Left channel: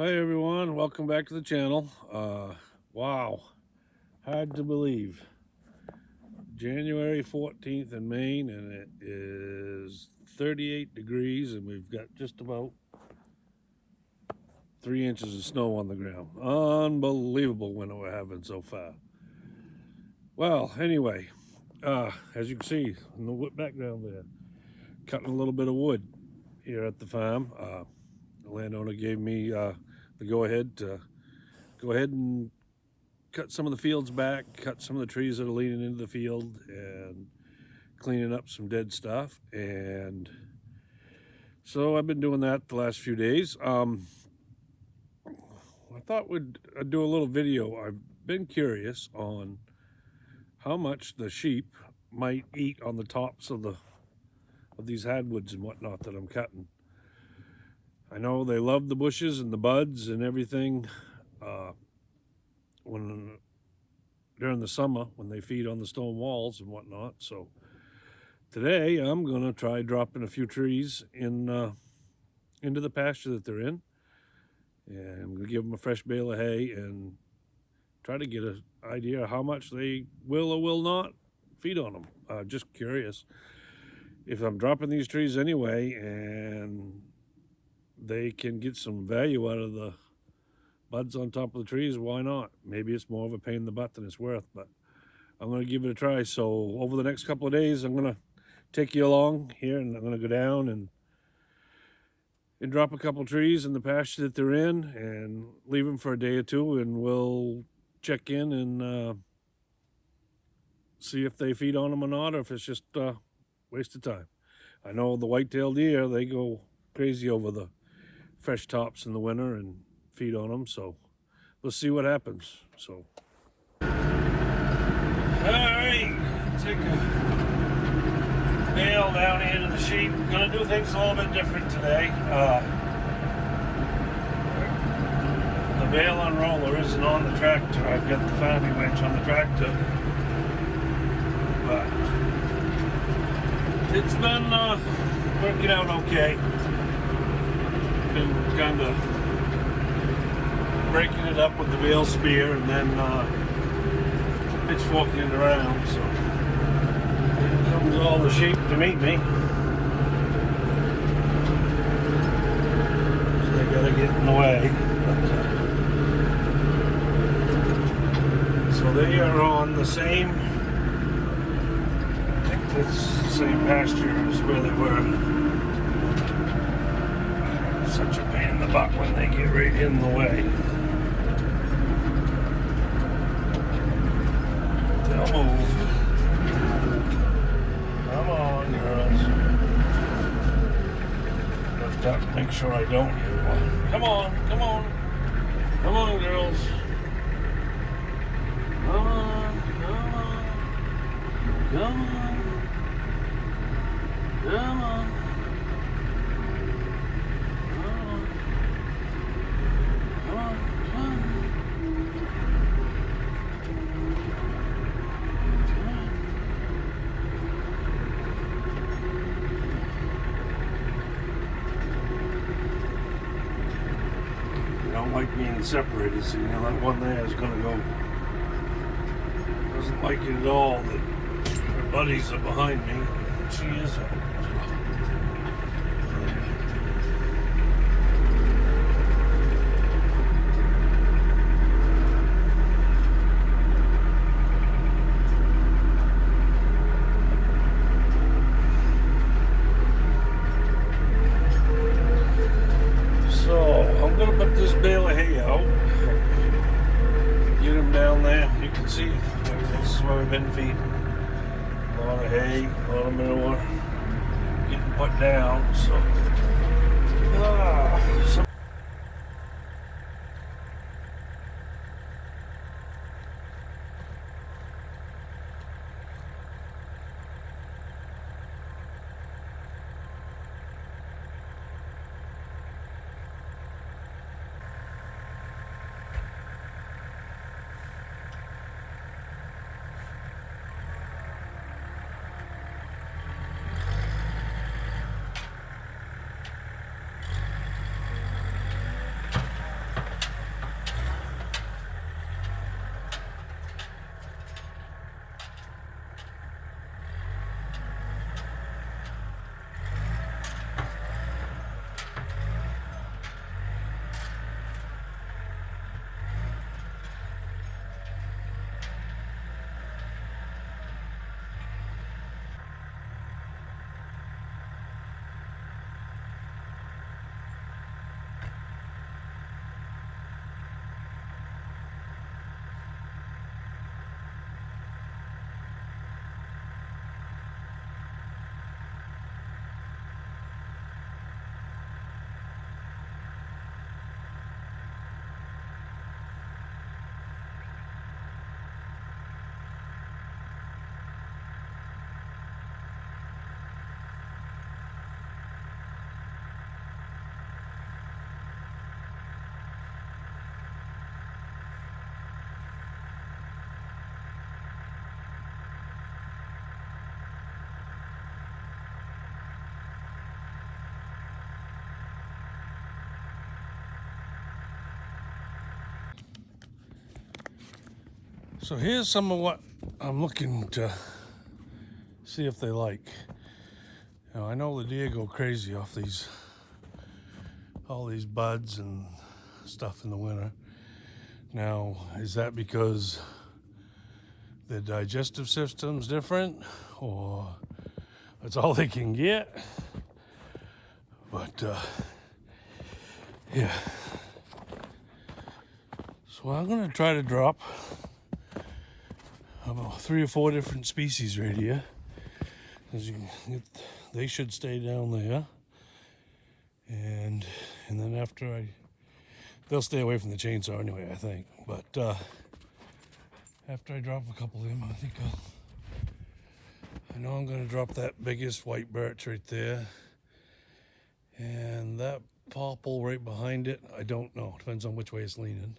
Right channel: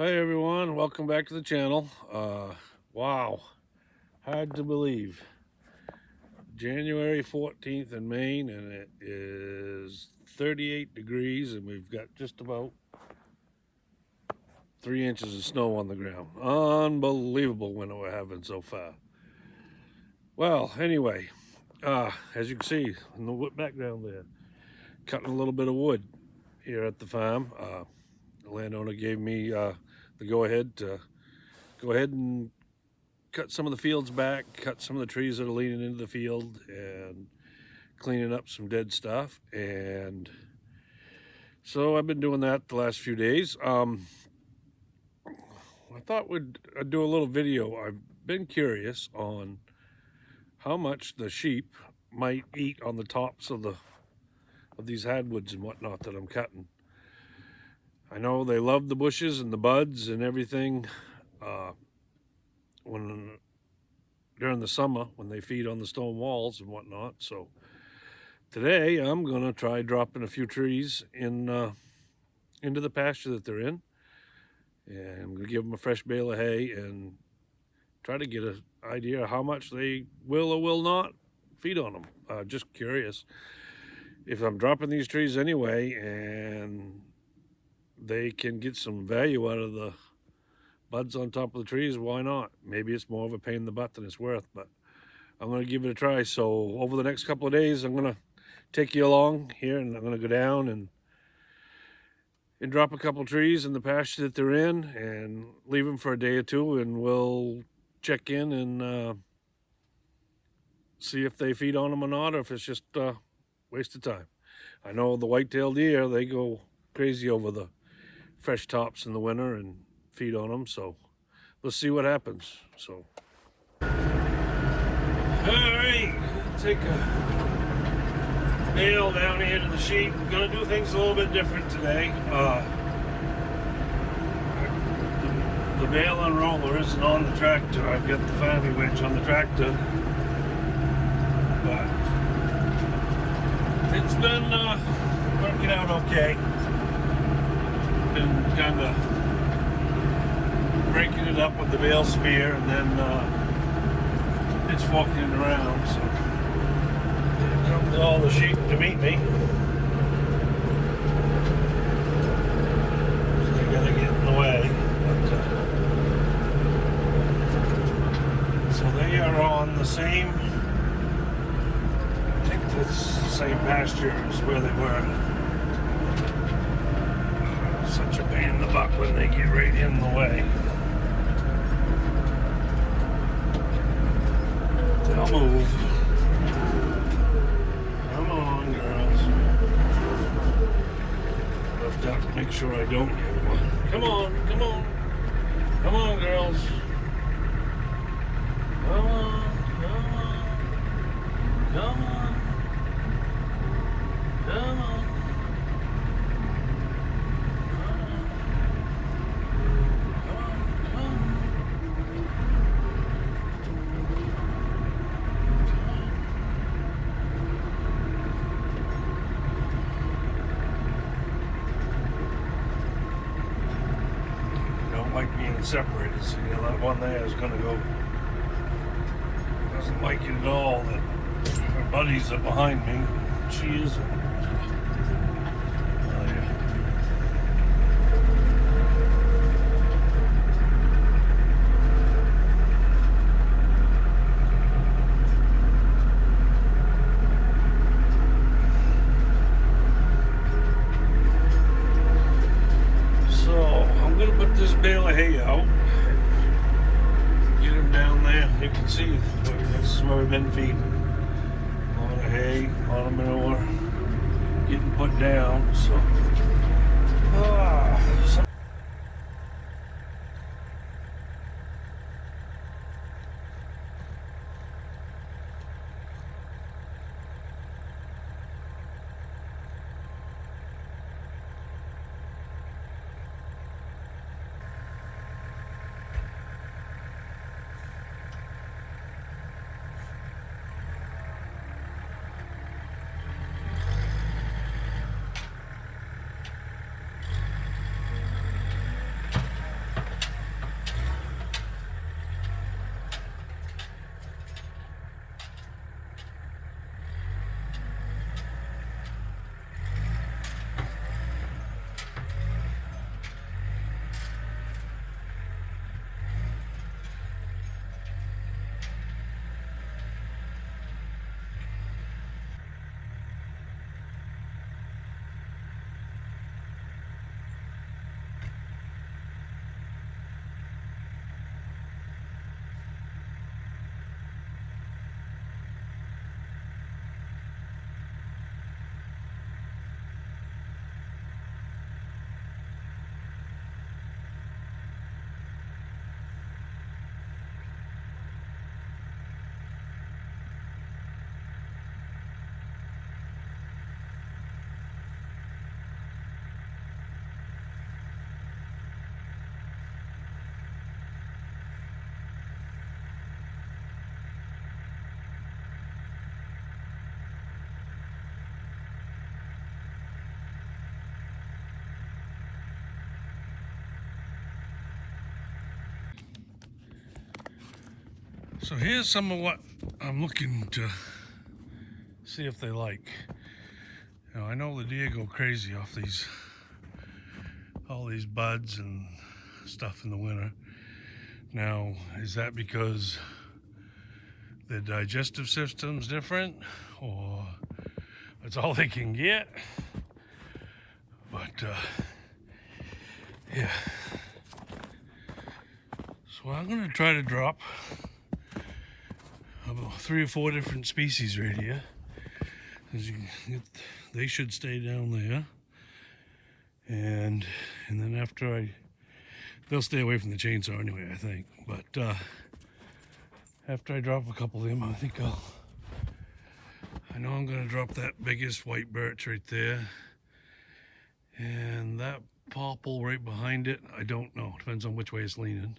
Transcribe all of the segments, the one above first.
Hi everyone, welcome back to the channel. Wow, hard to believe. January 14th in Maine, and it is 38 degrees, and we've got just about 3 inches of snow on the ground. Unbelievable winter we're having so far. Well, anyway, as you can see in the background there, cutting a little bit of wood here at the farm. The landowner gave me the go-ahead to go ahead and cut some of the fields back, cut some of the trees that are leaning into the field, and cleaning up some dead stuff. And so I've been doing that the last few days. I thought I'd do a little video. I've been curious on how much the sheep might eat on the tops of these hardwoods and whatnot that I'm cutting. I know they love the bushes and the buds and everything during the summer when they feed on the stone walls and whatnot. So today I'm gonna try dropping a few trees into the pasture that they're in, and I'm gonna give them a fresh bale of hay and try to get an idea of how much they will or will not feed on them. Just curious if I'm dropping these trees anyway and they can get some value out of the buds on top of the trees, why not? Maybe it's more of a pain in the butt than it's worth, but I'm going to give it a try. So over the next couple of days, I'm going to take you along here, and I'm going to go down and drop a couple trees in the pasture that they're in and leave them for a day or two, and we'll check in and see if they feed on them or not, or if it's just a waste of time. I know the white-tailed deer, they go crazy over the fresh tops in the winter and feed on them, so let's see what happens. So all right, take a nail down here to the sheep. Gonna do things a little bit different today. The bale unroller isn't on the tractor. I've got the farming winch on the tractor, but it's been working out okay. Been kind of breaking it up with the bale spear and then pitchforking it around. So here comes all the sheep to meet me. So they gotta get in the way. So they are on the same, I think that's the same pasture as where they were. Such a pain in the butt when they get right in the way. They'll move. Come on, girls. I've got to make sure I don't hit one. Come on, come on. Come on, girls. Come on, come on. Come on. Come on. Like being separated, so you know that one there is going to go. Doesn't like it at all that her buddies are behind me. She isn't. Bale of hay out, get him down there. You can see this is where we've been feeding. A lot of hay, a lot of manure getting put down. So, So here's some of what I'm looking to see if they like. Now I know the deer go crazy off all these buds and stuff in the winter. Now, is that because their digestive system's different, or it's all they can get? But yeah. So I'm gonna try to drop about 3 or 4 different species right here. As you can get, they should stay down there, and then they'll stay away from the chainsaw anyway, I think. But after I drop a couple of them, I know I'm gonna drop that biggest white birch right there, and that popple right behind it. I don't know, depends on which way it's leaning.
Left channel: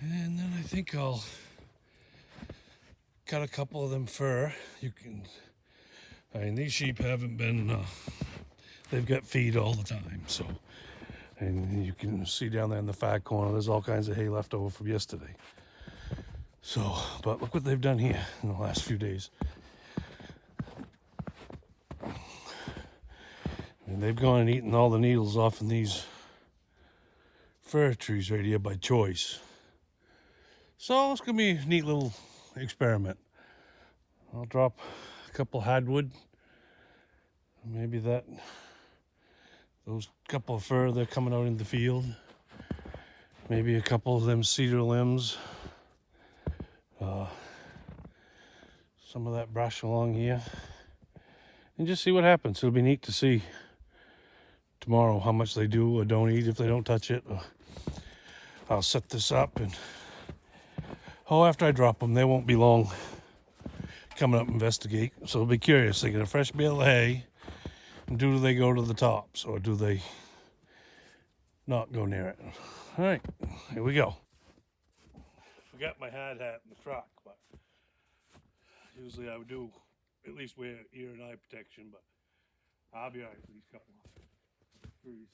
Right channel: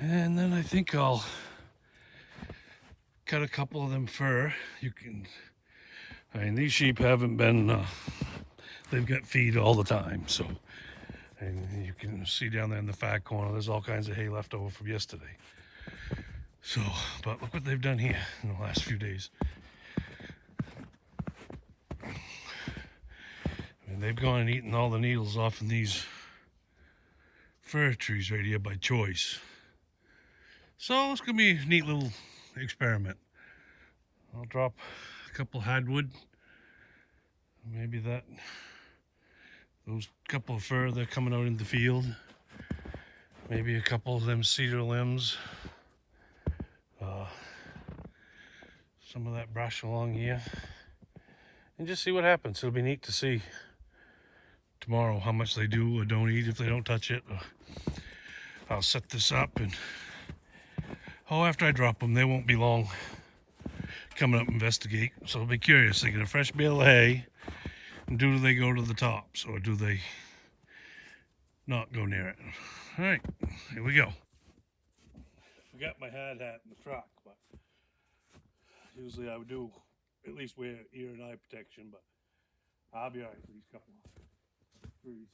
And then I think I'll cut a couple of them fir. I mean, these sheep haven't been, they've got feed all the time, so. And you can see down there in the far corner, there's all kinds of hay left over from yesterday. So, but look what they've done here in the last few days. And they've gone and eaten all the needles off in these fir trees right here by choice. So it's gonna be a neat little experiment. I'll drop a couple hardwood, maybe those couple of fir that are coming out in the field, maybe a couple of them cedar limbs, some of that brush along here, and just see what happens. It'll be neat to see tomorrow how much they do or don't eat if they don't touch it. I'll set this up, and after I drop them, they won't be long coming up and investigate. So I'll be curious. They get a fresh bale of hay, and do they go to the tops, or do they not go near it? All right, here we go. Forgot my hard hat in the truck, but usually I would do at least wear ear and eye protection, but I'll be all right for these couple of trees.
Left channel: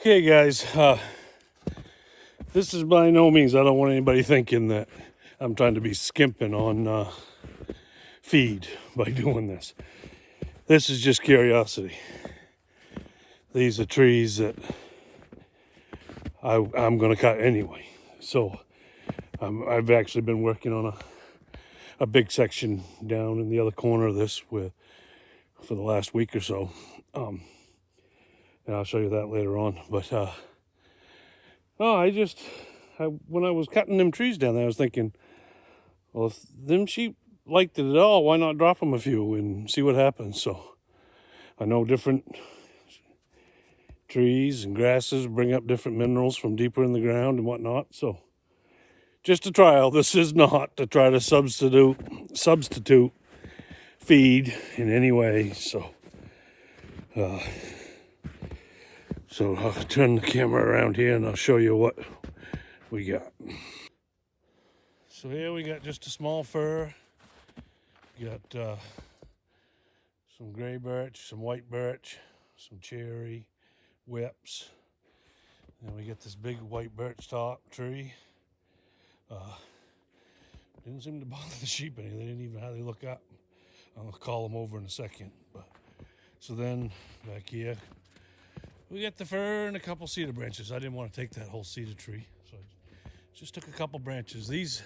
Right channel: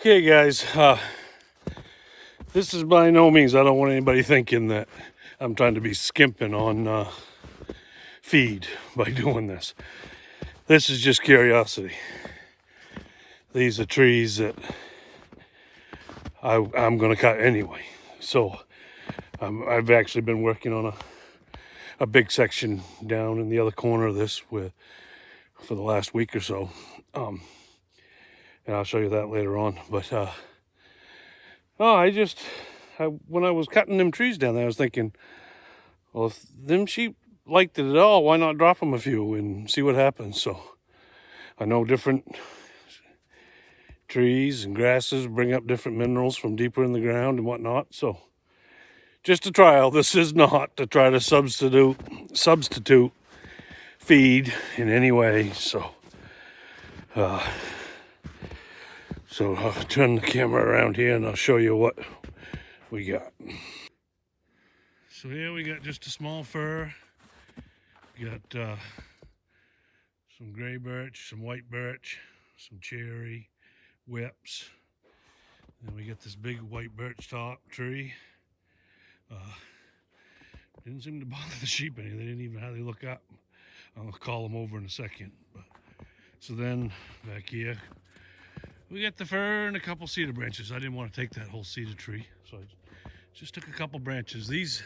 Okay, guys, this is by no means, I don't want anybody thinking that I'm trying to be skimping on feed by doing this. This is just curiosity. These are trees that I'm going to cut anyway. So I've actually been working on a big section down in the other corner of this for the last week or so. And I'll show you that later on. But when I was cutting them trees down there, I was thinking, well, if them sheep liked it at all, why not drop them a few and see what happens? So I know different trees and grasses bring up different minerals from deeper in the ground and whatnot. So just a trial. This is not to try to substitute feed in any way. So I'll turn the camera around here and I'll show you what we got. So here we got just a small fir. We got some gray birch, some white birch, some cherry, whips. And then we got this big white birch top tree. Didn't seem to bother the sheep any. They didn't even hardly look up. I'll call them over in a second. So then back here, we got the fir and a couple cedar branches. I didn't want to take that whole cedar tree, so I just took a couple branches. These,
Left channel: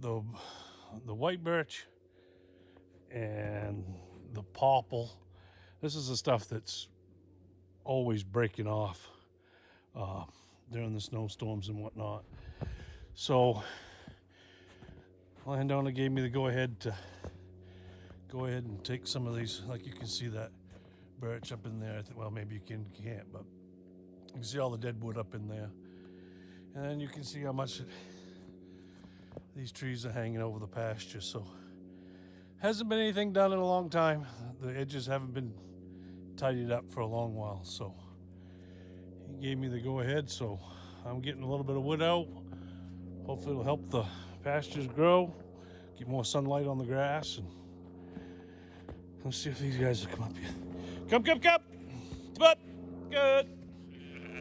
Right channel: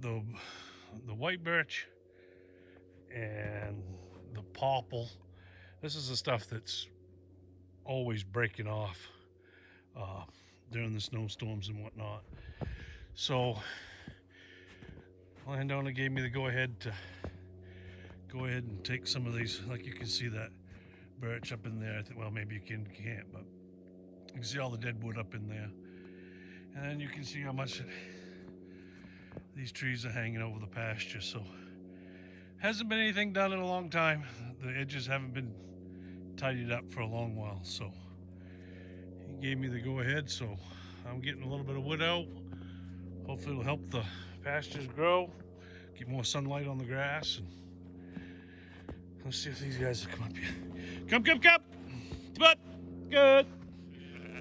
the white birch and the popple, this is the stuff that's always breaking off during the snowstorms and whatnot. So landowner gave me the go ahead and take some of these. Like you can see that birch up in there. Well, maybe you can't, but you can see all the dead wood up in there. And then you can see how much these trees are hanging over the pasture. So hasn't been anything done in a long time. The edges haven't been tidied up for a long while. So he gave me the go ahead. So I'm getting a little bit of wood out. Hopefully it'll help the pastures grow, get more sunlight on the grass. And let's see if these guys will come up here. Come. Come up. Good.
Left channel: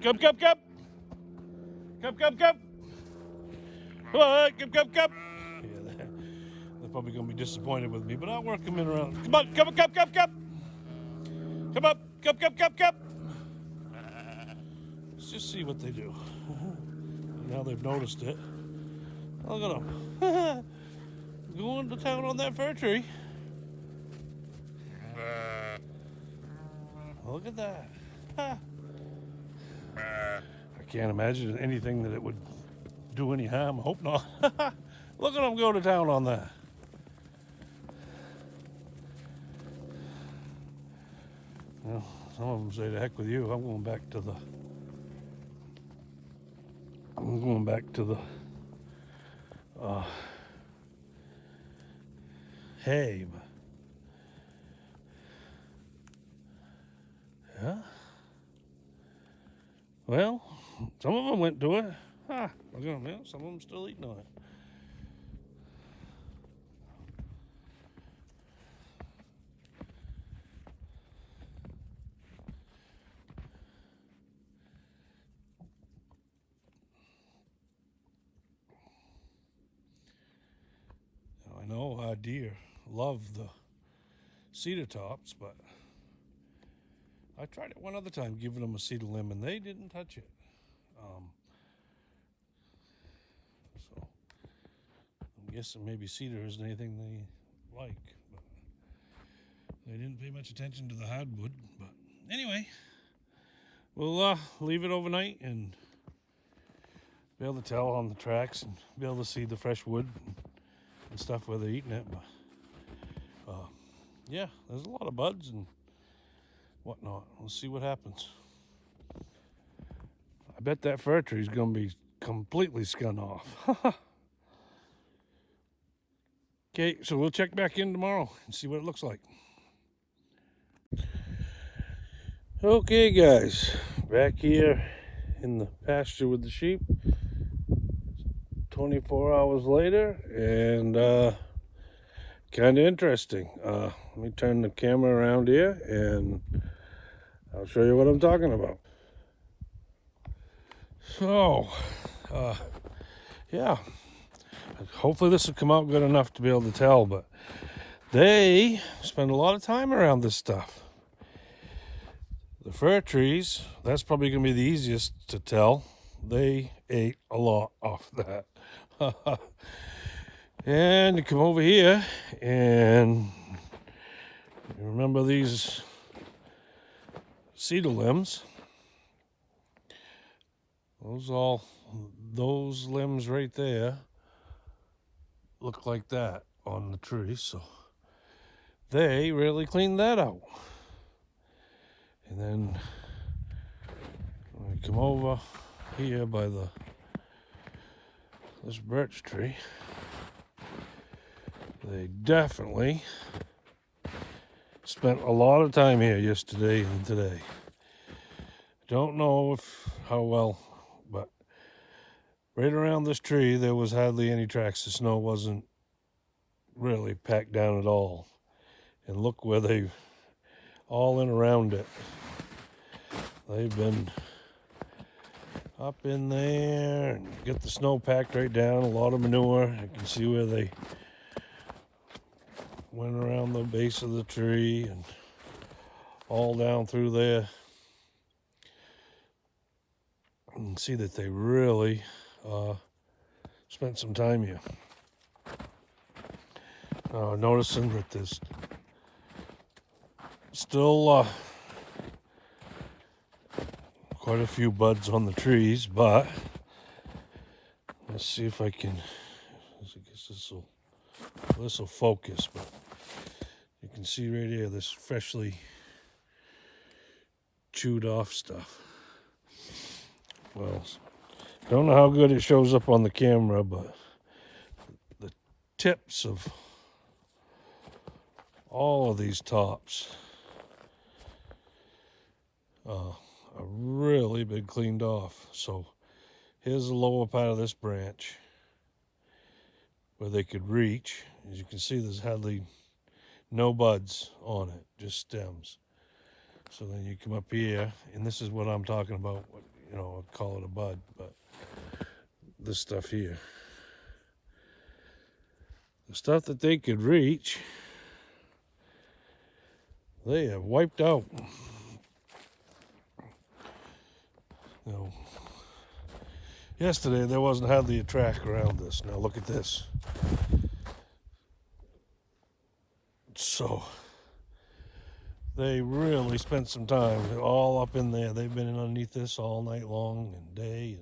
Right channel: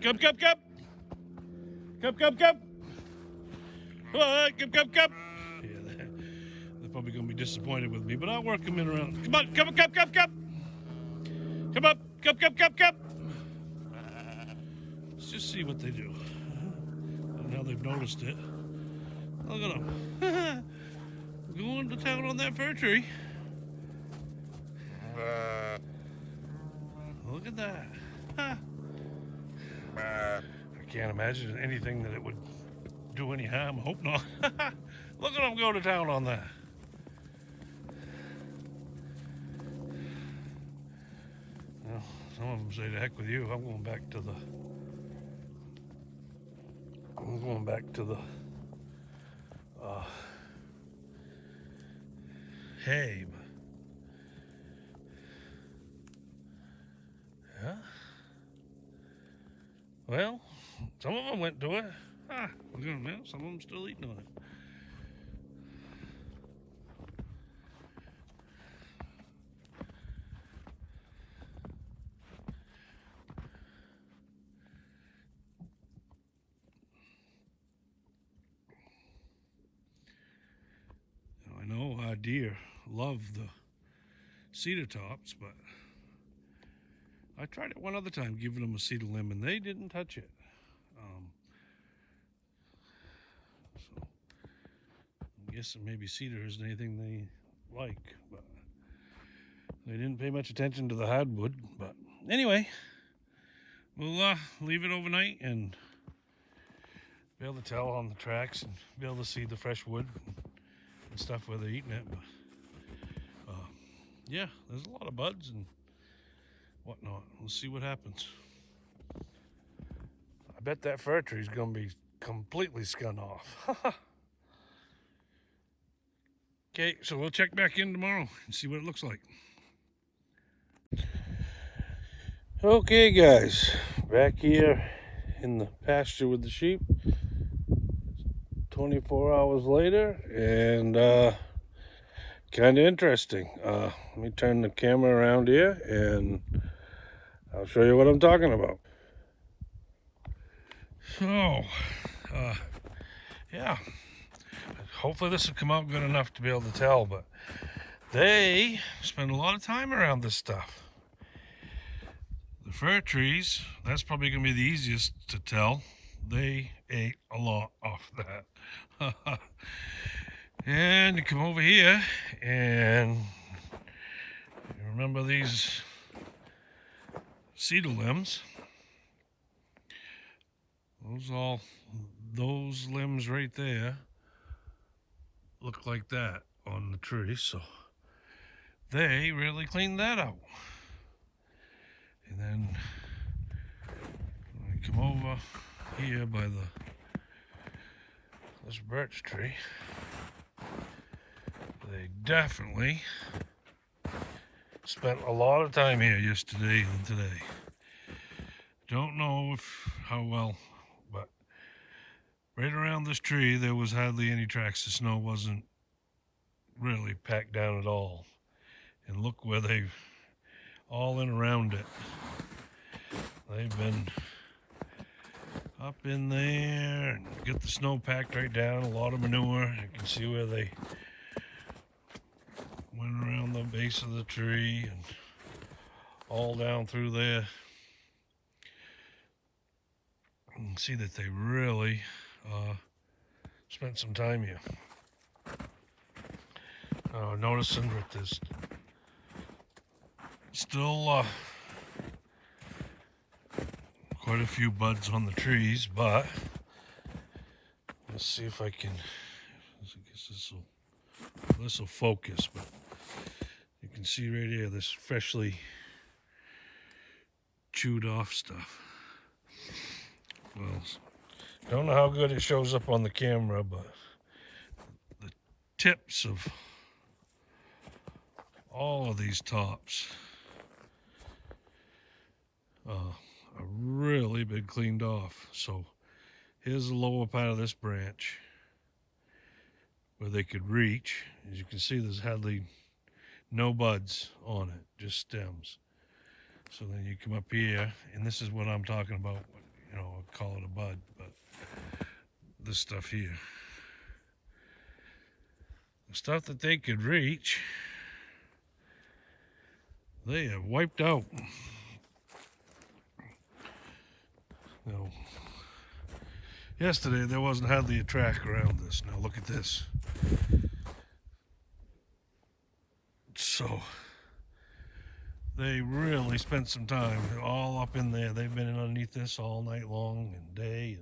Come. Come on, come. Yeah, they're probably going to be disappointed with me, but I'll work them in around. Come on, come. Come up. Come. Let's just see what they do. Now they've noticed it. Look at them. Going to town on that fir tree. Look at that. I can't imagine anything that it would do any harm. Hope not. Look at them go to town on that. Well, some of them say to heck with you. I'm going back to the hay. Yeah. Well, some of them went to it. Look at them now. Some of them still eating on it. Now, I know our deer love the cedar tops, but I tried it one other time, giving them a cedar limb, and they didn't touch it. So I'm guessing maybe cedar isn't anything they like, but they didn't pay much attention to the hardwood. But anyway, we'll leave it overnight and be able to tell on the tracks and be able to see the fresh wood and stuff where they're eating it. But yeah, there's a lot of buds and whatnot. We'll see what happens. I bet that fir tree is going to be completely scun off. Okay, so we'll check back in tomorrow and see what it looks like. Okay, guys, back here in the pasture with the sheep. 24 hours later, and kind of interesting. Let me turn the camera around here and I'll show you what I'm talking about. So, yeah. Hopefully this will come out good enough to be able to tell, but they spend a lot of time around this stuff. The fir trees, that's probably going to be the easiest to tell. They ate a lot off that. And you come over here and remember these cedar limbs. Those limbs right there look like that on the tree, so they really cleaned that out. And then when I come over here by this birch tree, they definitely spent a lot of time here yesterday and today. Don't know how well, but right around this tree there was hardly any tracks. The snow wasn't really packed down at all. And look where they've all in around it. They've been up in there and get the snow packed right down, a lot of manure. You can see where they went around the base of the tree and all down through there. You can see that they really spent some time here. Noticing that there's still quite a few buds on the trees, but let's see if I can, if I guess this will focus, but you can see right here this freshly chewed off stuff. Well, I don't know how good it shows up on the camera, but the tips of all of these tops are really been cleaned off. So here's the lower part of this branch where they could reach. As you can see, there's hardly no buds on it, just stems. So then you come up here, and this is what I'm talking about. You know, I'll call it a bud, but this stuff here, the stuff that they could reach, they have wiped out. You know, yesterday there wasn't hardly a track around this. Now look at this. So they really spent some time all up in there. They've been underneath this all night long and day,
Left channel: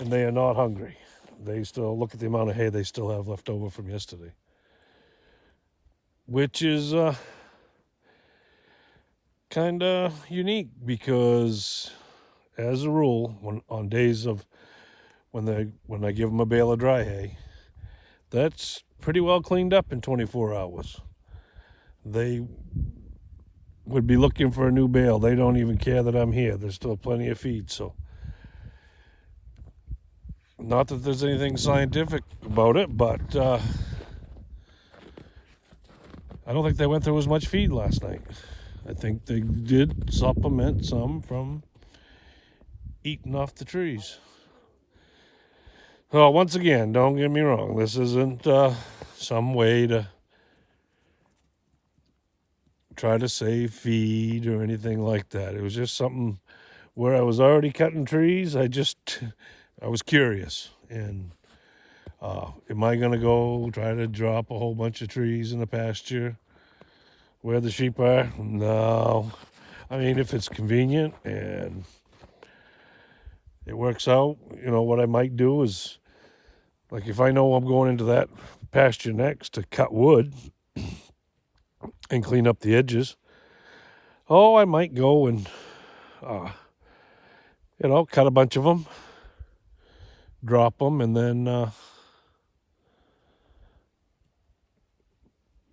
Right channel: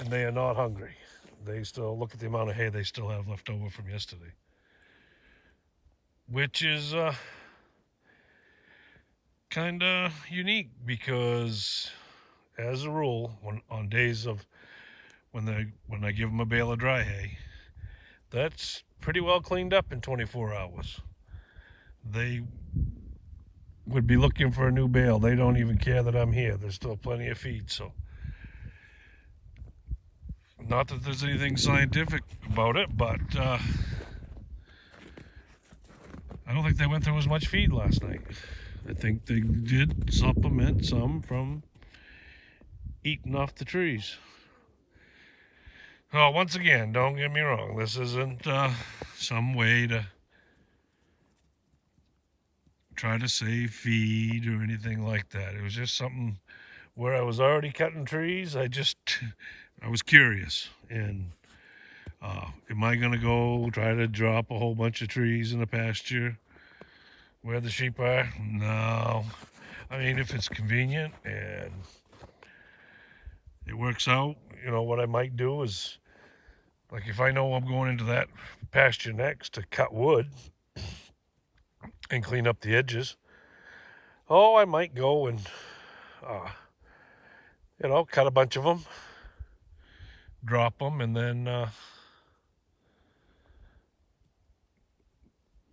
and they are not hungry. They still look at the amount of hay they still have left over from yesterday, which is kind of unique because, as a rule, on days of when I give them a bale of dry hay, that's pretty well cleaned up in 24 hours. They would be looking for a new bale. They don't even care that I'm here. There's still plenty of feed, so not that there's anything scientific about it, but I don't think they went through as much feed last night. I think they did supplement some from eating off the trees. Well, once again, don't get me wrong. This isn't some way to try to save feed or anything like that. It was just something where I was already cutting trees. I was curious, and am I going to go try to drop a whole bunch of trees in the pasture where the sheep are? No. I mean, if it's convenient and it works out, you know, what I might do is, like, if I know I'm going into that pasture next to cut wood and clean up the edges, I might go and, cut a bunch of them, drop them, and then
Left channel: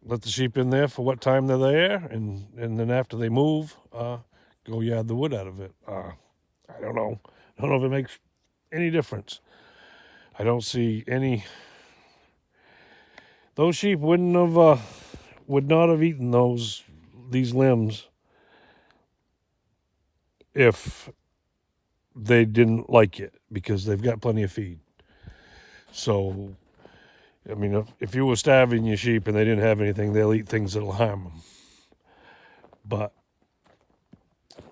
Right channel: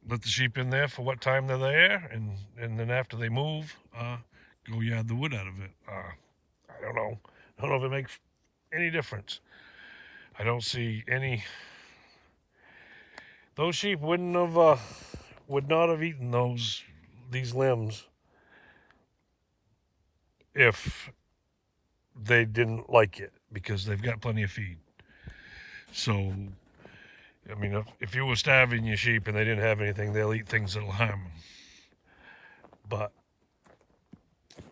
let the sheep in there for what time they're there, and then after they move, go yard the wood out of it. I don't know. I don't know if it makes any difference. I don't see any. Those sheep would not have eaten these limbs if they didn't like it because they've got plenty of feed. So, I mean, if you were starving your sheep and they didn't have anything, they'll eat things that'll harm them. But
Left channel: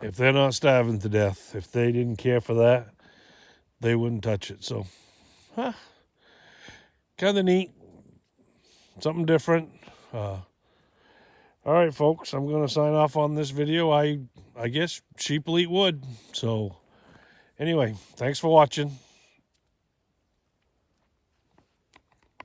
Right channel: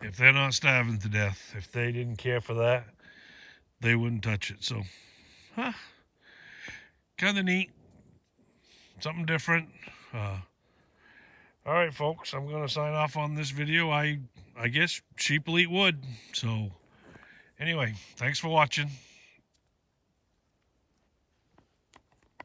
if they're not starving to death, if they didn't care for that, they wouldn't touch it. So, kind of neat. Something different. All right, folks, I'm going to sign off on this video. I guess sheep will eat wood. So, anyway, thanks for watching.